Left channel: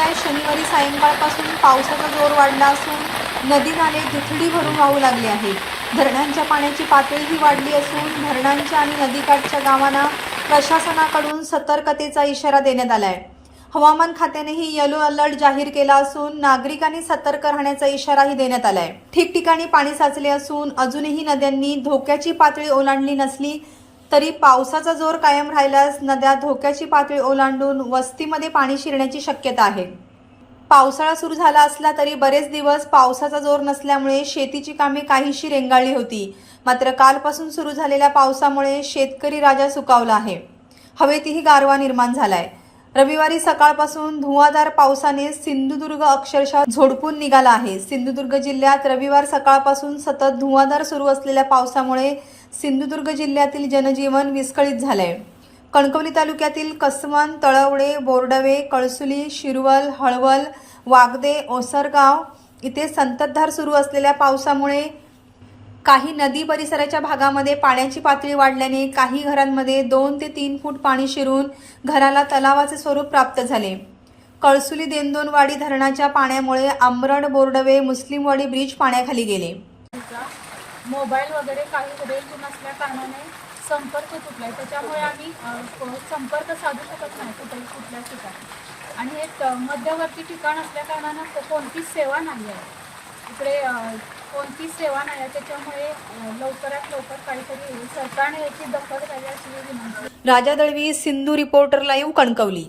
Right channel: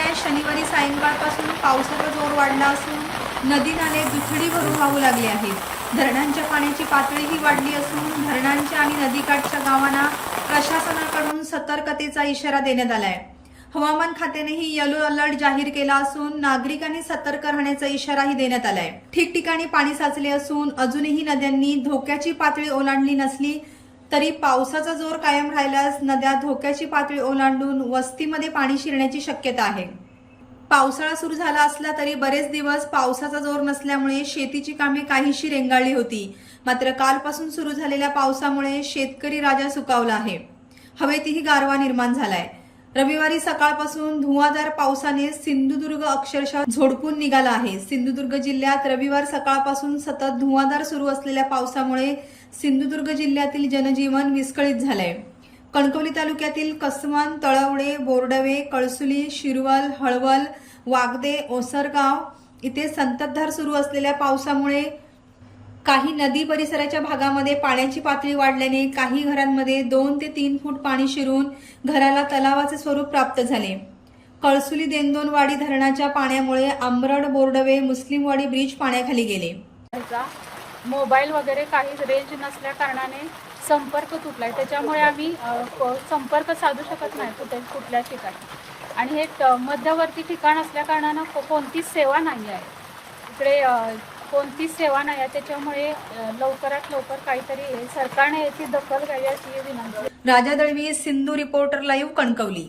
आहे. शनिवारी सायंकाळपासून पावसाचा जोर वाढला असून नदी नाले दुथडी भरून वाहू लागले आहेत. धरणांच्या पाण्याची पातळीही वाढली असून धरणांच्या आणि नदीकाठच्या गावांना प्रशासनाकडून सतर्कतेचा इशारा देण्यात आलाय. हवामान खात्यानेही येलो अलर्ट जाहीर केला असून नागरिकांनी सतर्क राहण्याचा इशाराही देण्यात आलाय. ठिकठिकाणी पाणी साचले असून अजूनही नद्यांनी धोक्याची पातळी ओलांडली नसली तरी पावसाचा जोर कायम राहिल्यास नद्या धोक्याची पातळी ओलांडून वस्तीमध्ये पाणी शिरण्याची शक्यता आहे. पावसाळा सुरू झाला असला तरी बरेच दिवस पावसाचा जोर नसल्यामुळे शेतीची कामे काहीशी रेंगाळली होती. मात्र कालपासून सुरू झालेल्या पावसामुळे शेतकरी राजा सुकावला आहे. हवेतही गारवा निर्माण झालाय. रविवारी सकाळपासून धुवाधार पावसाने सिंधुदुर्ग अक्षरशः झोडपून निघाला आहे. सिंधुदुर्ग जिल्ह्यात रविवार सकाळपासून सतत धुवाधार सुरू असलेल्या पावसामुळे सिंधुदुर्ग जिल्ह्यातील जनजीवन विस्कळीत झालंय. कणकवली तालुक्यातील कसमन तळवडे बोरडवे कळसुली शिरवल हळवल वागदे ओसरगाव इथे संततधार सुरू असलेल्या पावसामुळे काही नदी परिसराच्या भागामध्ये पाण्याची पातळी वाढल्याने काही घरांमध्ये दोन ते तीन फूट पाणी शिरून घराला तलावाचे स्वरूप प्राप्त झाले. कळसुली देंदोनवाडी धरणाच्या पाण्यामुळे आंबरड बोर्डवे मुस्लिमवाडी ब्रिज पाण्याखाली गेले. मोबाईल वगैरे काही रेंज नसल्या कारणाने संपर्क तुटलाय. त्याच्यामुळे आम्ही संपर्क साधू शकत नाही कुठे कुठल्या ठिकाणी. आणि हे मध्यवर्ती ठिकाण असल्या कारणानं कोणतीच सेवा नाही आहे. इकडे कोणतीच सेवा नाही आहे. त्याच्यामुळे लवकरात लवकर काहीतरी सरकारने याची दखल घ्यावी अशी विनंती. Raja Dalvi Sindhu reporter live Kankavli.